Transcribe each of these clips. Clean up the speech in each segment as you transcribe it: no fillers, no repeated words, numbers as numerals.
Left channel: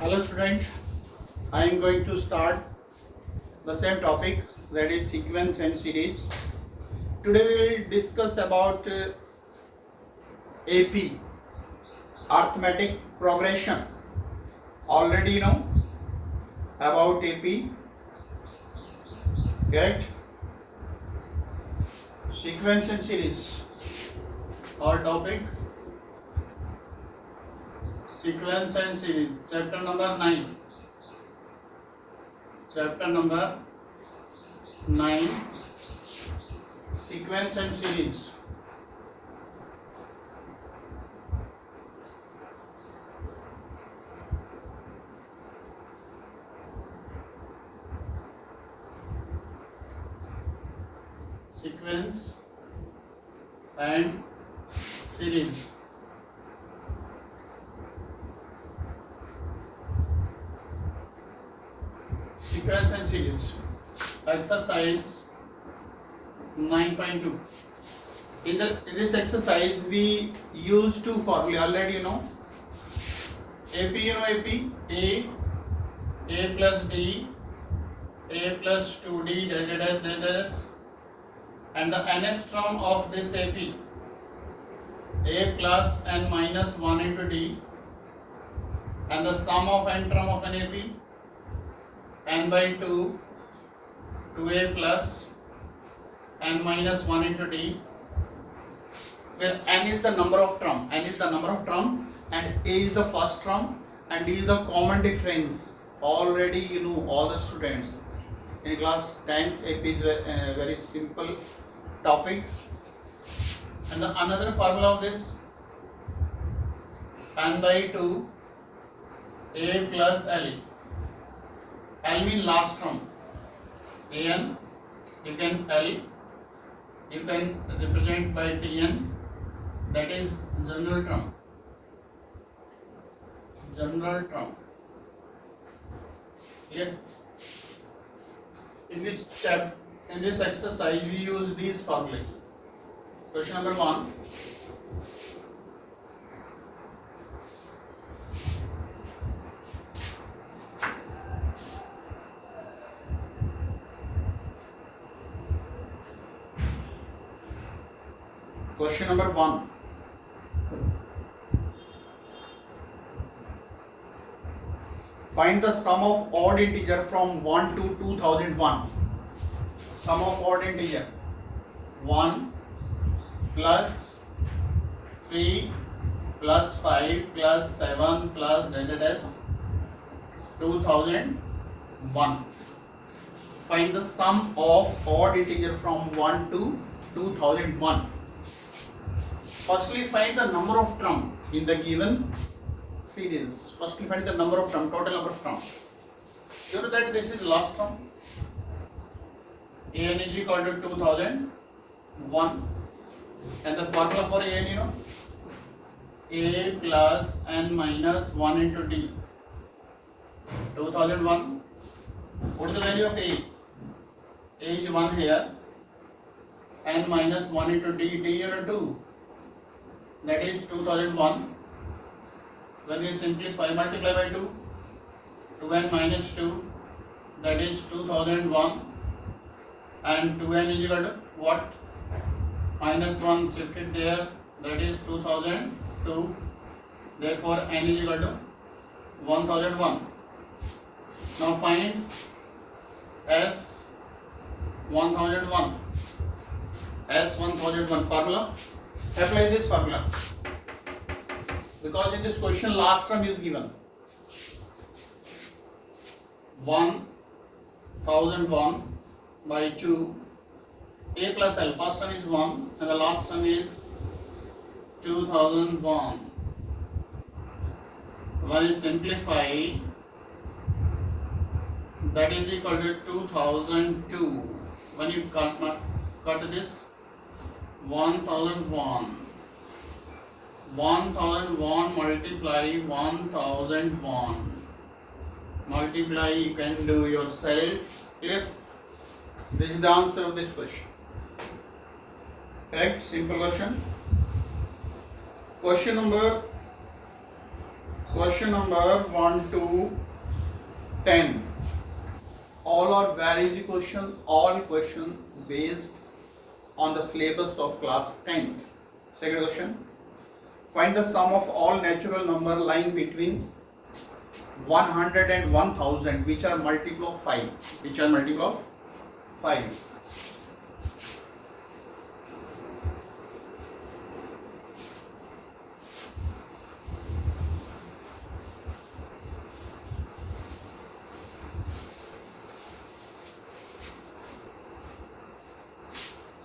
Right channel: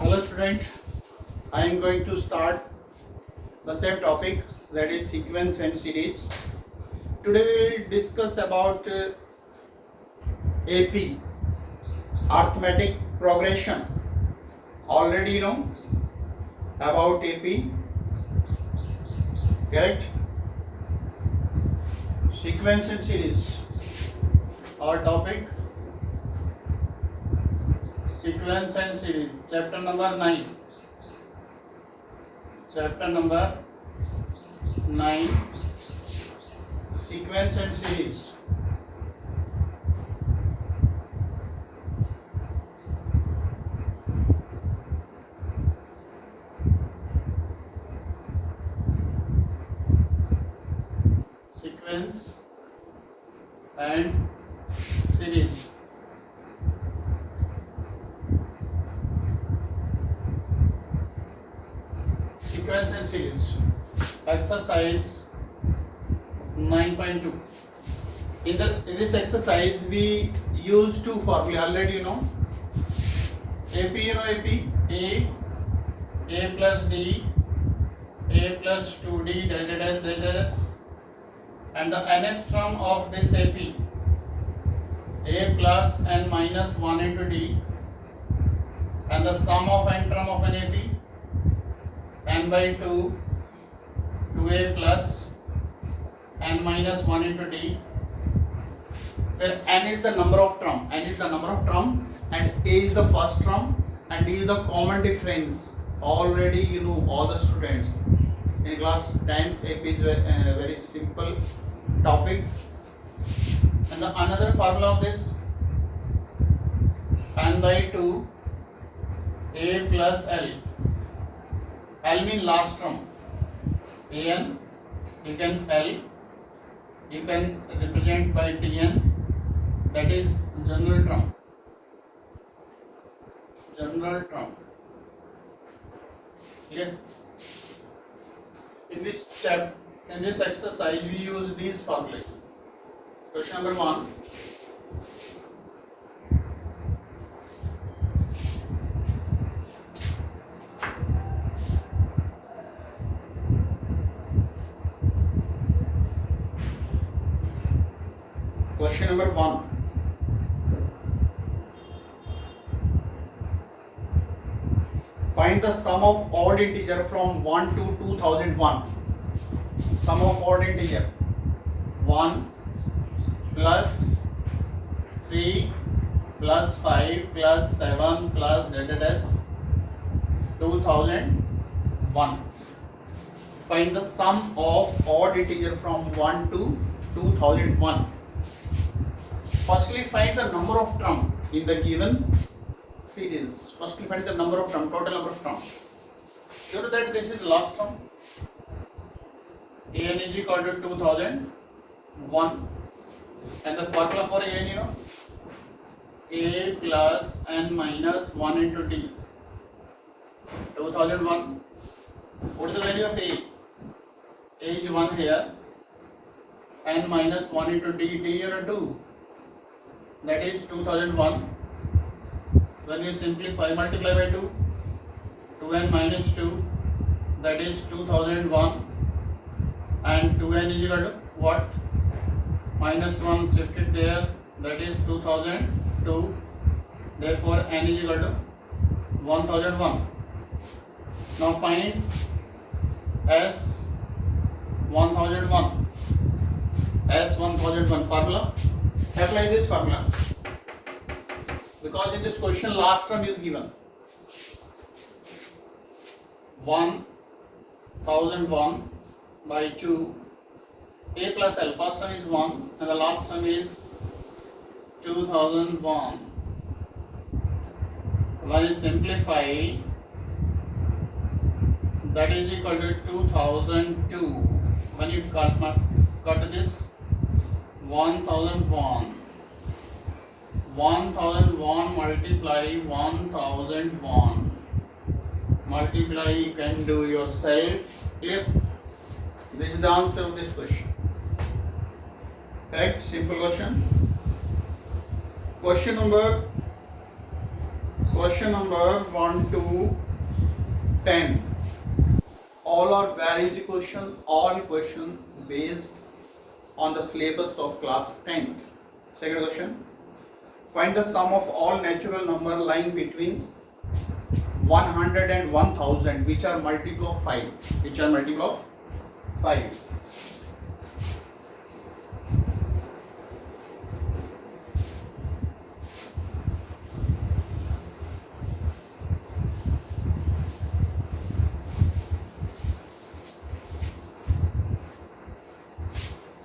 Hello student, I am going to start the same topic, that is sequence and series. Today we will discuss about AP, arithmetic progression. Already you know about AP, correct? Sequence and series. Our topic, sequence and series, chapter number 9. Chapter number 9, sequence and series. Sequence and series. Sequence and series. Exercise 9.2. In this exercise we use two formulae. Already you know AP, A plus D, A plus 2D dash dash dash dash, and the nth term of this AP, A plus n minus 1 into D, and the sum of n term of an AP, n by 2, 2A plus n minus 1 into D, where n is the number of term, and A is the first term, and D is the common difference. Already you know, all the students in class 10th AP is very simple topic. And the another formula of this, n by 2 A plus L. L means last term, an, you can L, you can represent by Tn, that is general term. Clear? In this exercise we use these formulae. Question number 1. Question number 1. Find the sum of odd integer from 1 to 2001. Sum of odd integer 1 plus 3 plus 5 plus 7 plus dash 2001. Find the sum of odd integer from 1 to 2001. Firstly, find the number of term in the given series. Firstly, find the number of term, total number of term. You know that this is last term. An is equal to 2001, and the formula for an, you know, A plus n minus 1 into D. 2001. What is the value of A? A is 1 here. N minus 1 into D. D you know 2. That is 2001. When we simplify, multiply by 2, 2n minus 2, that is 2001, and 2n is equal to what? Minus 1 shifted there, that is 2002, therefore n is equal to 1001. Now find S 1001. S 1001 formula. Apply this formula, because in this question last term is given 1001 by 2 A plus L. First term is 1 and the last term is 2001. When you simplify, that is equal to 2002. When you cut this 1001 multiply 1001 multiply, you can do yourself. Clear? This is the answer of this question. Correct? Simple question. Question number Question number 1 to 10. All are very easy question. All question based on the syllabus of class 10th. Second question. Find the sum of all natural number lying between 100 and 1000 which are multiple of 5. Which are multiple of 5.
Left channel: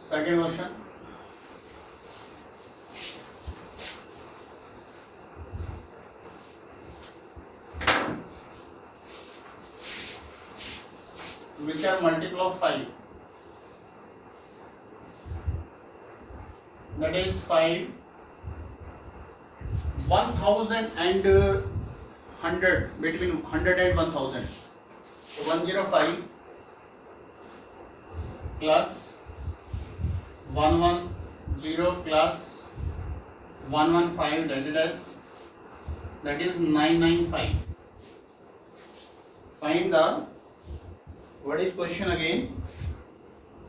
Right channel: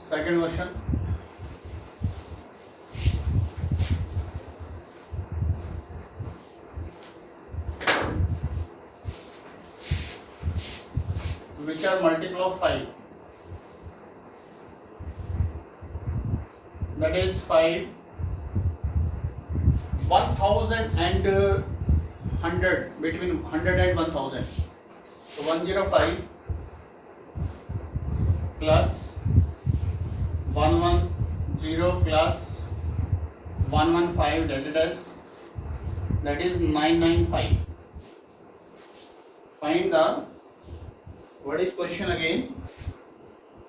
Second question. Which are multiple of 5? That is 5, 1000 and 100, between 100 and 1000. So 105 plus 110 plus 115, that is 995. Find the, what is question again?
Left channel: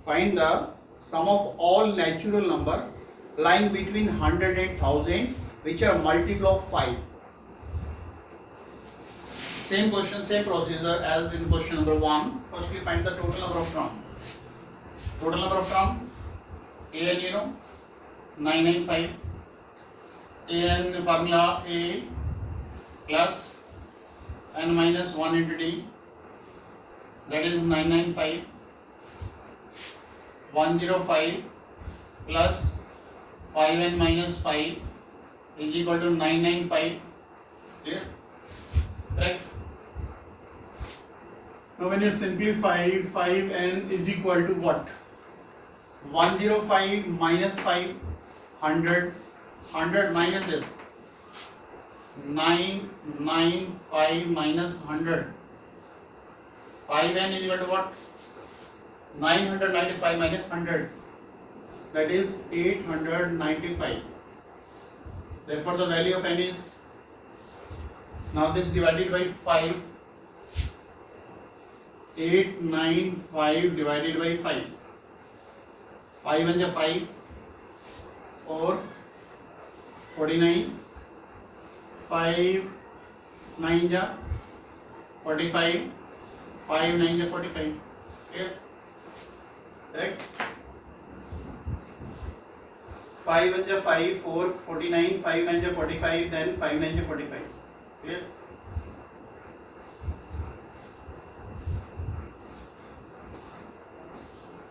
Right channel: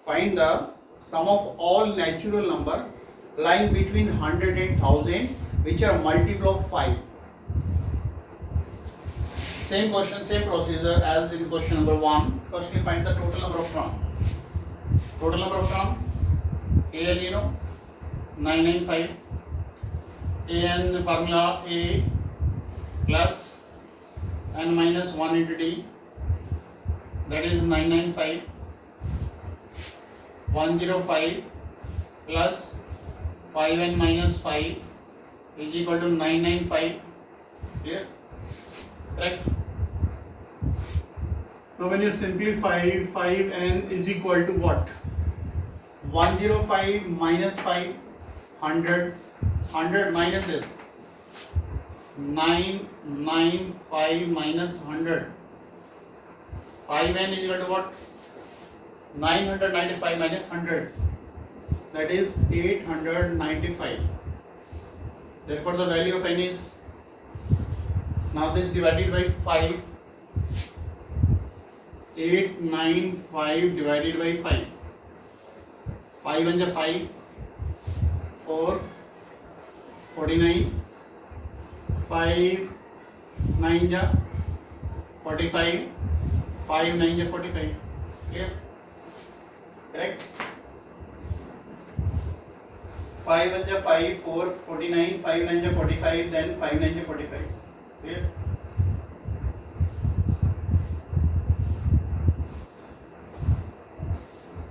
Find the sum of all natural number lying between 100 and 1000 which are multiple of 5. Same question, same procedure as in question number 1. Firstly find the total number of term. Total number of term, an you know 995. An formula a plus n minus 1 into d, that is 995. 105 plus 5n minus 5 is equal to 995. Clear? Correct? Now when you simplify, 5n is equal to what? 105 minus 5, 100. 100 minus this, 995 minus 100. 5n is equal to what? 995 minus 100. That is 895. Therefore the value of n is, now this divided by 5, 895 divided by 5. 5 and 5, 4, 49, 5 9 ja 45, 5 9 ja 45. Clear? Correct? 5 and ja 5, 4, 49, 5 9 ja 45, then 5 9 ja 45. Clear?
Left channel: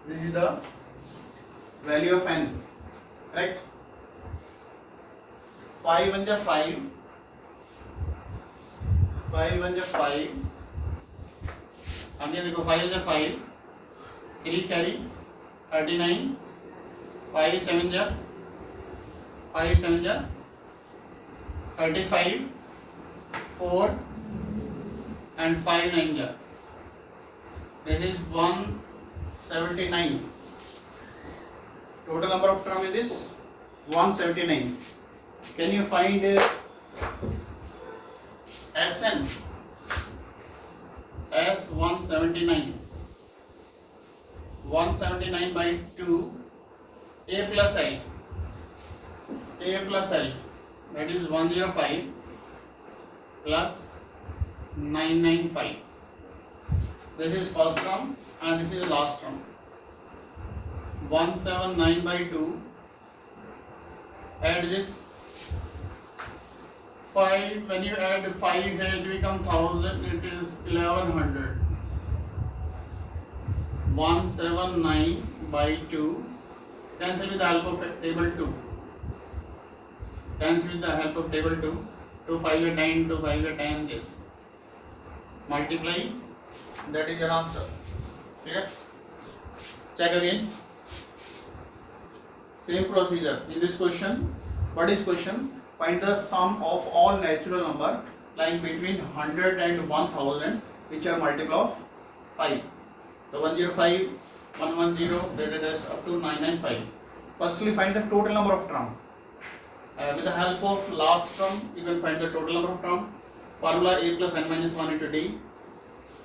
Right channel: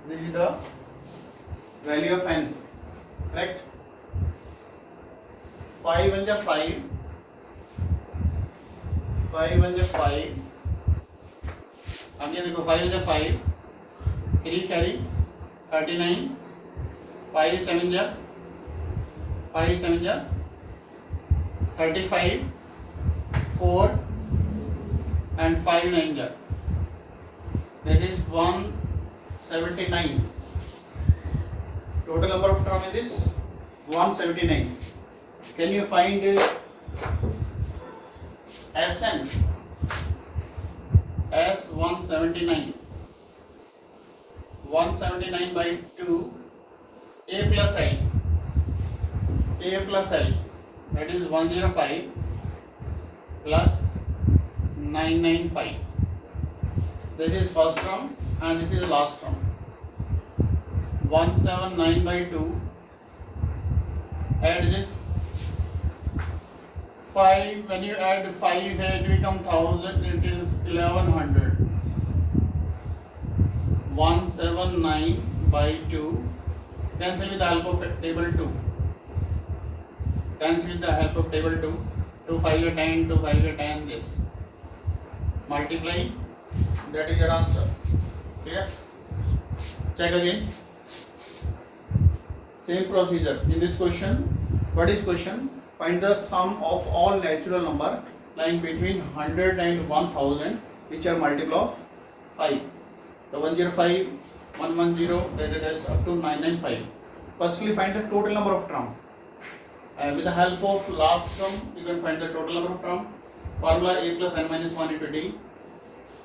This is the value of n. Correct? 5 and the 5, 5 and the 5, again देखो 5 and the 5, 3 carry 39, 5 7 ja 35, 4 and 5 9 ja, that is 179. Total number of term is this 179. Can you find Sn as 179? 179 by 2, a plus I, that is 105 plus 995. This is first term and this is last term. 179 by 2, add this 5, when you add 5 here it becomes 1000, it is 1100. 179 by 2, cancel with the help of table 2. Cancel with the help of table 2. 2 5 are 10, 2 5 are 10, yes. Multiply, that is your answer. Clear? Check again. Same procedure. In this question, what is question? Find the sum of all natural number lying between 100 and 1000 which are multiple of 5. So 105, 110, that is up to 995. Firstly find the total number of term. With the help of last term, you can find the total number of term. Formula a plus n minus 1 into d,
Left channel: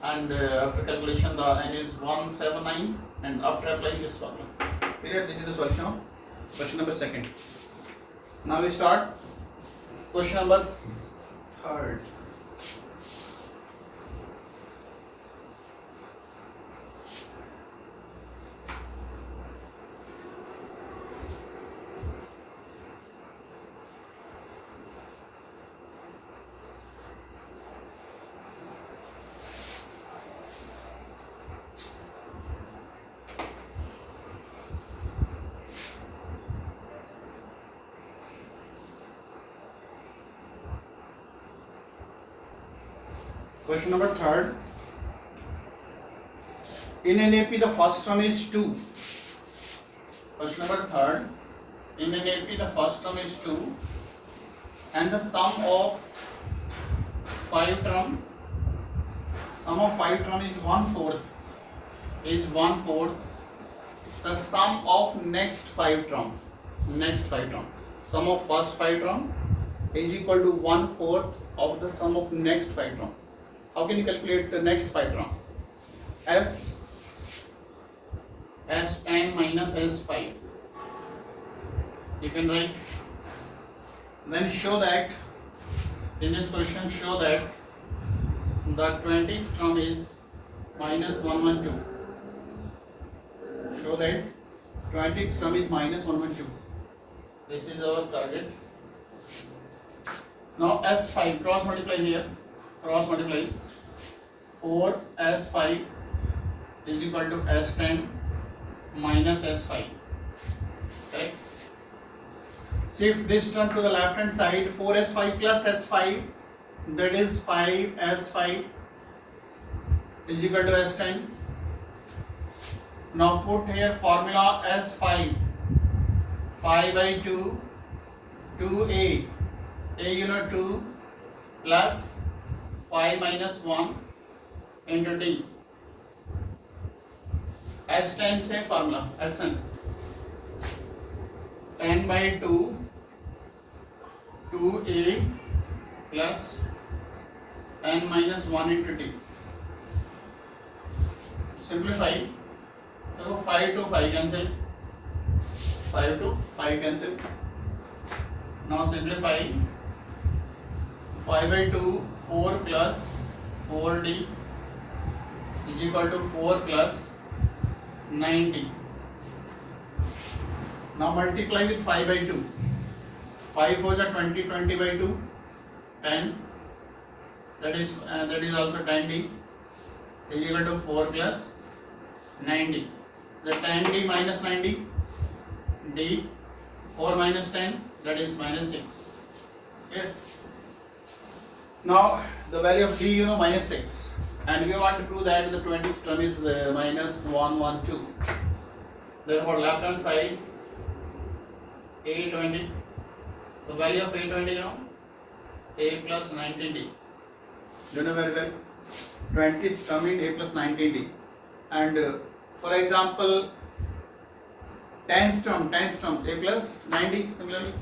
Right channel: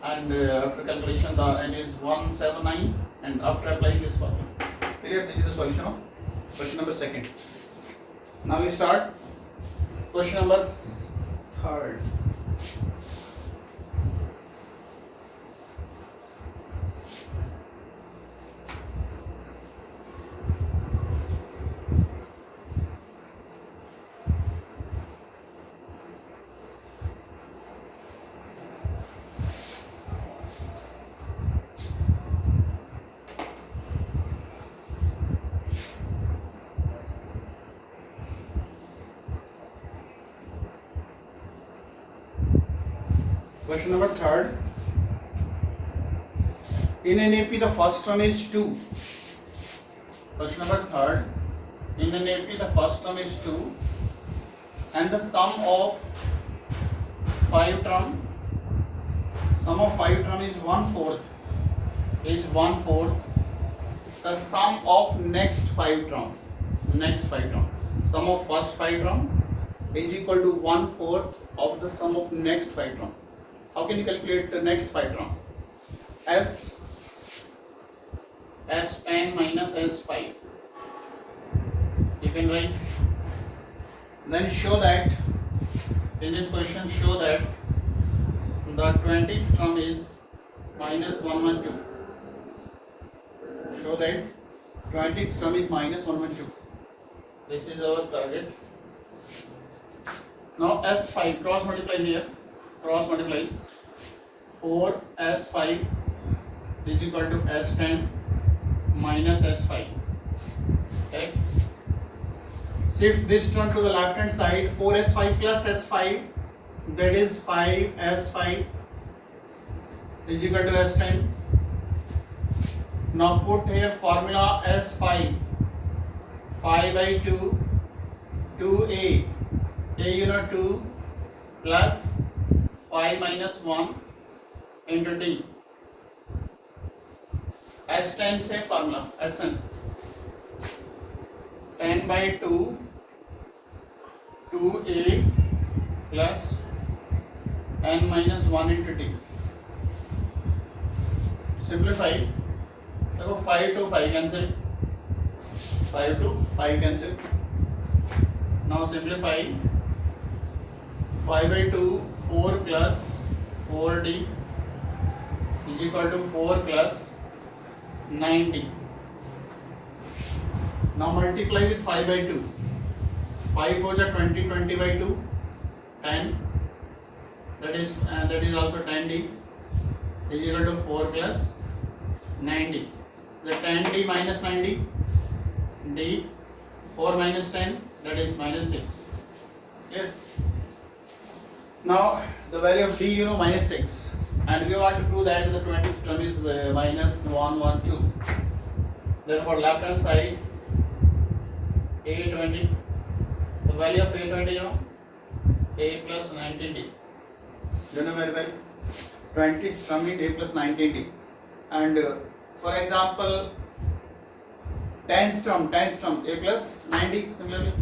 and after calculation the n is 179, and after applying this formula. Clear? This is the solution of question number second. Now we start question number third. Question number third. In an AP, the first term is 2. Question number third. In an AP, the first term is 2, and the sum of 5 term is 1/4. The sum of next 5 term. Sum of first 5 term is equal to 1/4 of the sum of next 5 term. How can you calculate the next 5 term? S10 minus S5. You can write. Then show that in this question, show that the 20th term is minus 112. Show that 20th term is minus 112. This is our target. Now S5, cross multiply here. 4S5 is equal to S10 minus S5. Correct? Shift this term to the left hand side. 4S5 plus S5, that is 5S5 is equal to S10. Now put here formula S5. 5 by 2, 2A. A you know 2 plus 5 minus 1 into D. S10 same formula. Sn 10 by 2, 2A plus n minus 1 into D. Simplify. So 5 to 5 cancel. 5 to 5 cancel. Now simplify. 5 by 2, 4 plus 4D is equal to 4 plus 9D. Now multiply with 5 by 2. 5 4 is 20, 20 by 2, 10. That is also 10D is equal to 4 plus 9D. The 10D minus 9D, D, 4 minus 10, that is minus 6. Okay. Now the value of D you know minus 6, and we want to prove that the 20th term is minus 112. Therefore left hand side A20, the value of A20 you know A plus 90D. You know very well 20th term is A plus 90D, and for example 10th term A plus 90 similarly.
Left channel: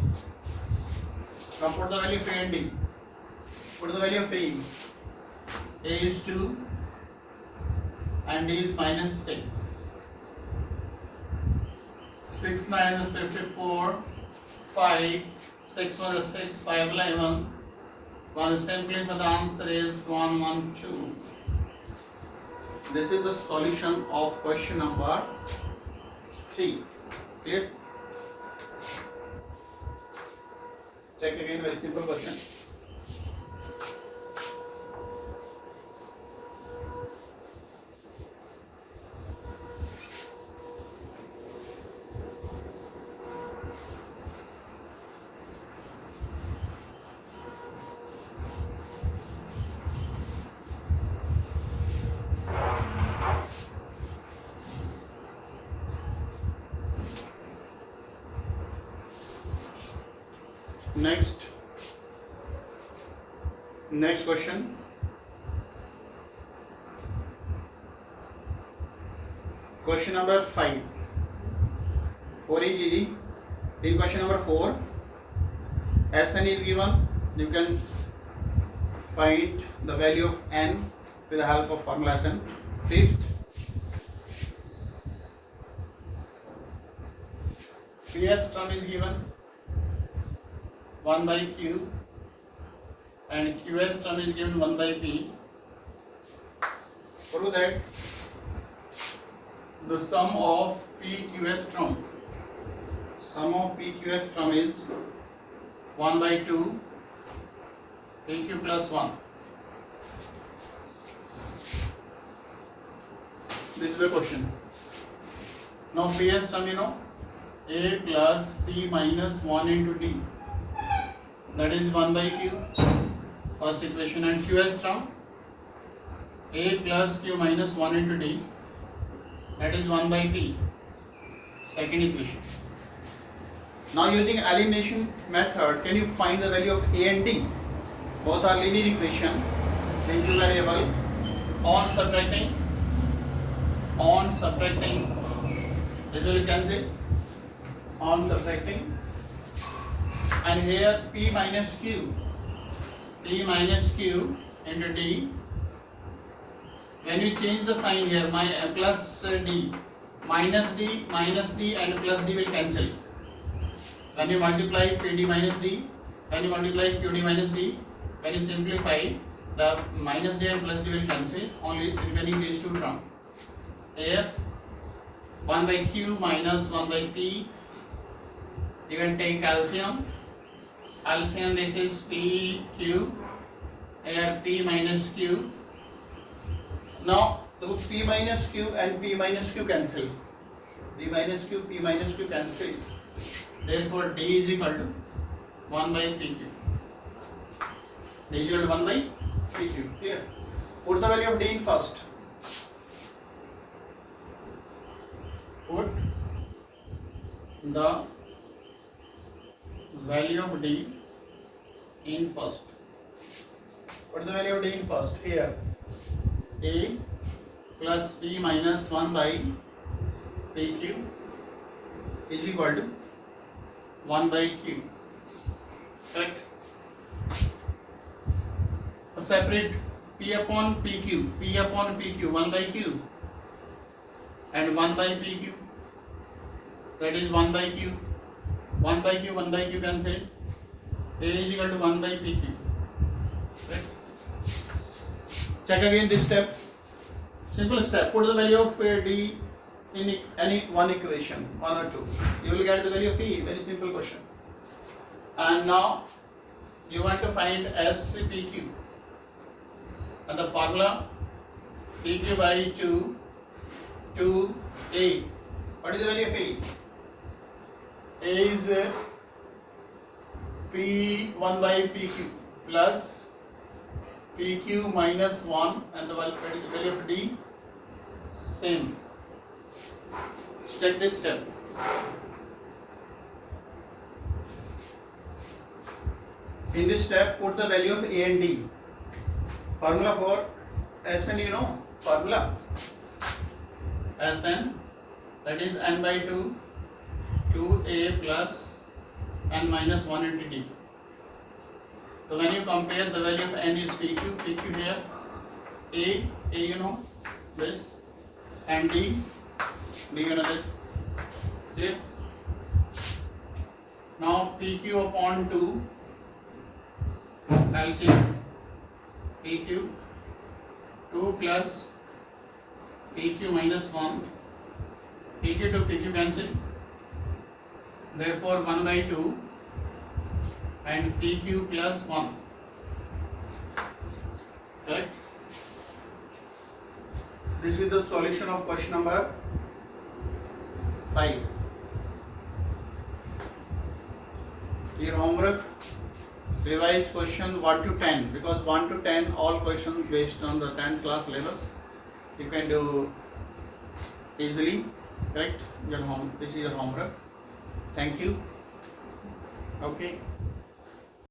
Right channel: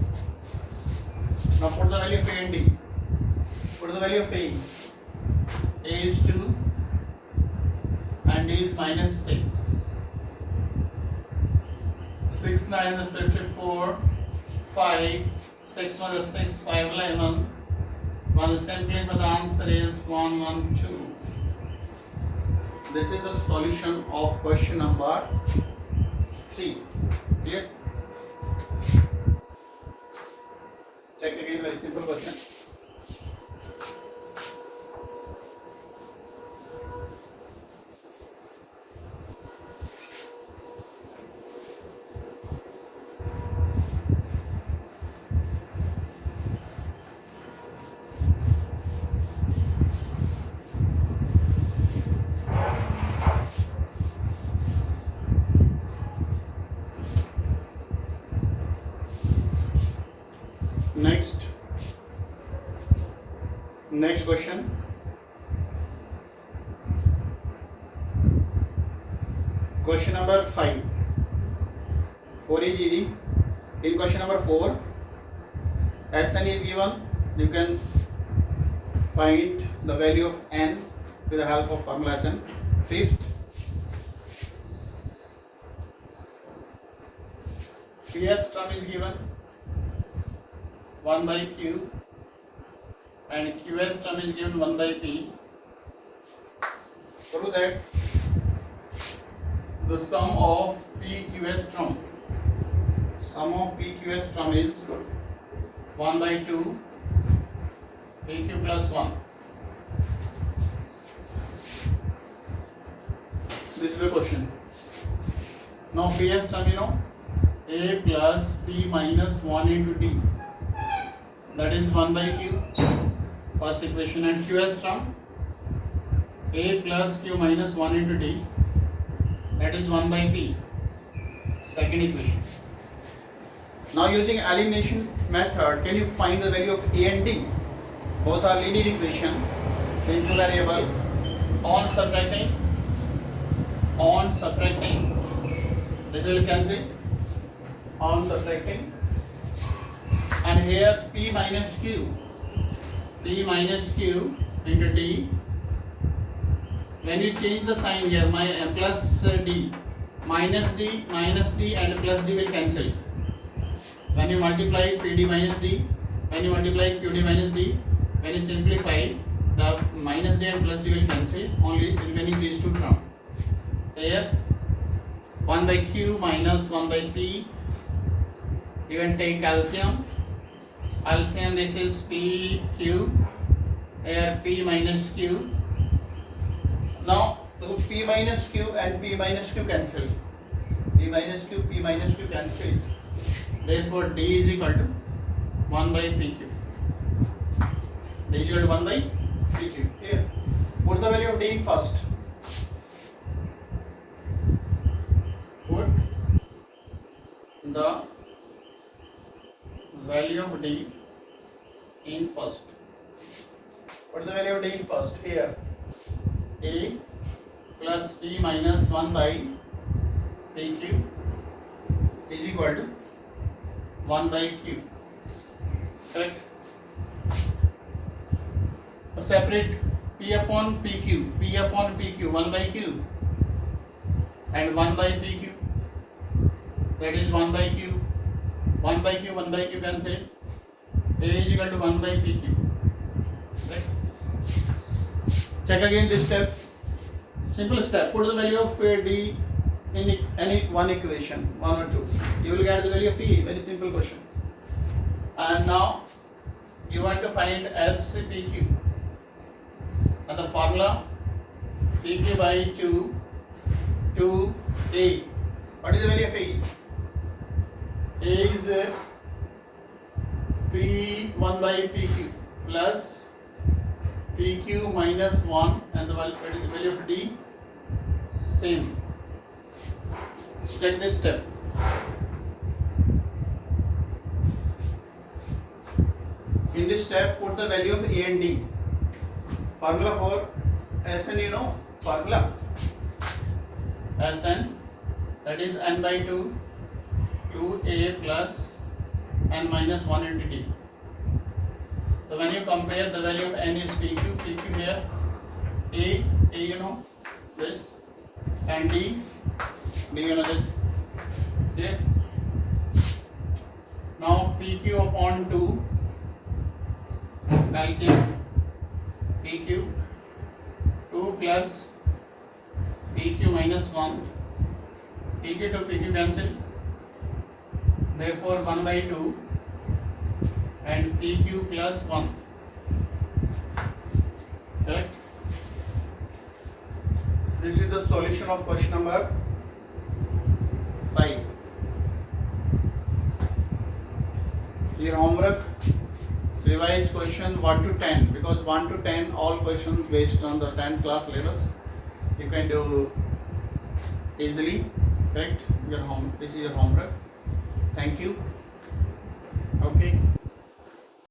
Now put the value of A and D. Put the value of A. A is 2 and D is minus 6. 6 9 is 54. 5 6 1 is 6. 5 11. 1 is simply, but the answer is 112. This is the solution of question number 3. Clear? Check again, very simple question. Next question. Question number 5. 4 is easy. In question number 4, Sn is given. You can find the value of n with the help of formula Sn. Fifth, Qth term is given 1 by Q and Qth term is given 1 by P. Prove that the sum of PQth term is 1 by 2 PQ plus 1. This is the question. Now Pth term, you know, A plus P minus 1 into D, that is 1 by Q, first equation, and Qth term A plus Q minus 1 into D, that is 1 by P, second equation. Now using elimination method, can you find the value of A and D? Both are linear equation, then two variable. On subtracting, this will cancel. On subtracting, and here P minus Q into D. When you change the sign here, my plus D, minus D and plus D will cancel. When you multiply PD minus D, when you multiply QD minus D, when you simplify, the minus D and plus D will cancel, only remaining these two terms. Here 1 by Q minus 1 by P. You can take calcium, this is PQ, here P minus Q. Now P minus Q and P minus Q cancel. P minus Q cancel. Therefore D is equal to 1 by PQ. D is equal to 1 by PQ. Clear? Put the value of D in first. Put the value of D in first. Put the value of D in first. Here A plus P minus 1 by PQ is equal to 1 by Q. Correct? Separate P upon PQ, 1 by Q and 1 by PQ, that is 1 by Q. 1 by Q cancel. A is equal to 1 by PQ. Right? Check again this step. Simple step. Put the value of D in any one equation, 1 or 2. You will get the value of E. Very simple question. And now you want to find SPQ. And the formula PQ by 2 to A. What is the value of A? A is P1 by PQ plus PQ minus 1, and the value of D same. Check this step. In this step, put the value of A and D. Formula for Sn, you know, formula Sn, that is n by 2 2A plus n minus 1 into D. So when you compare, the value of n is PQ here, A you know this, and D you know this. Clear? Now PQ upon 2, calcium PQ 2 plus PQ minus 1, PQ to PQ cancel. Therefore 1 by 2 and PQ plus 1. Correct? This is the solution of question number 5. Your homework, revise question 1 to 10, because 1 to 10 all questions based on the 10th class syllabus you can do easily. Correct? This is your homework. Thank you. Okay.